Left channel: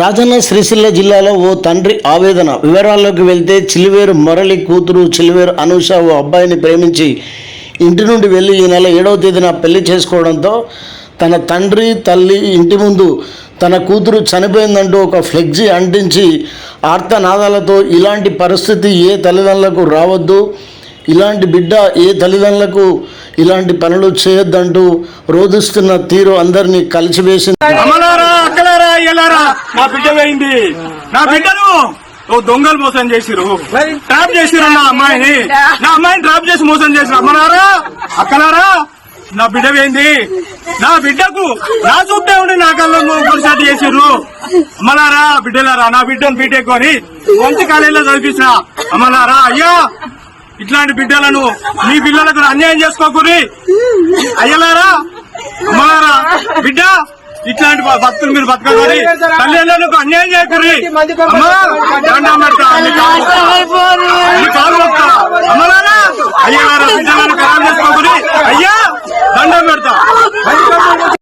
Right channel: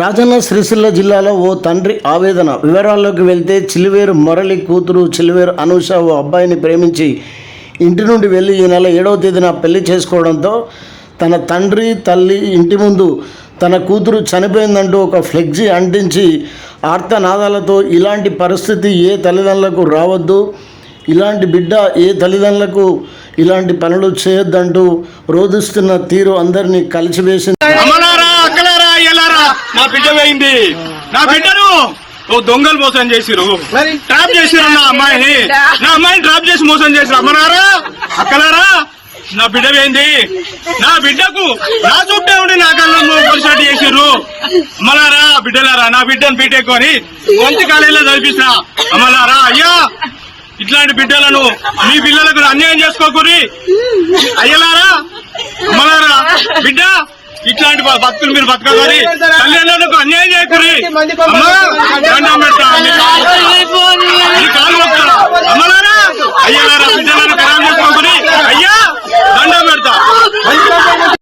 రాజన్న సిరిసిల్ల జిల్లాలో ఓ తండ్రి ఆవేదన. వివరాల్లోకి వెళ్తే చిలివేరు మురళి కూతురు చిలివేరు అనూష ఓ అబ్బాయిని ప్రేమించి ఇంటి నుండి వెళ్ళి ఈ నెల ఏడవ తేదీన పెళ్ళి చేసుకోవడంతో తన తండ్రి తల్లి ఇంటి ముందు తన కూతురు చనిపోయిందంటూ ఒక ఫ్లెగ్జీ అంటించి ఆర్తనాదాలతో ఇలాంటి పరిస్థితి ఏ తల్లిదండ్రులకు రావద్దు. ఇలాంటి బిడ్డ ఏ తల్లిదండ్రులకు ఇలాంటి పనులు చేయొద్దంటూ రోధిస్తున్న తీరు అందరినీ కలిసివేసింది. నా బిడ్డ పోయింది. నా బిడ్డను ఓ దొంగలు మోసం చేసిరు ట్రాప్ చేసిరు నా అమ్మాయిని. నా అమ్మాయిని ట్రాప్ చేసి మోసం చేసిరు అమ్మలారా అక్కలారా? నా బిడ్డ పోయింది. నా బిడ్డకు నా చుట్టే ఉండి నా కళ్ళు కొలిసాటి చేసిర్రు. అమ్మలారా బిడ్డలారా నా బిడ్డను బీటెక్కొని మంచి కాలేజీలో చదివించిన అమ్మలారా అయ్యా! ఇట్లాంటి బిడ్డలను మీ పిల్లలకు అన్యాయం చేసుకోకూరి అయ్యలారా అమ్మలారా బిడ్డ! ఇట్లాంటి బతుకులు మీరు బతకగలి తల్లిదండ్రులకు అన్యాయం చేయకూరి అమ్మా కాలు. అమ్మలారా అయ్యలారా బిడ్డ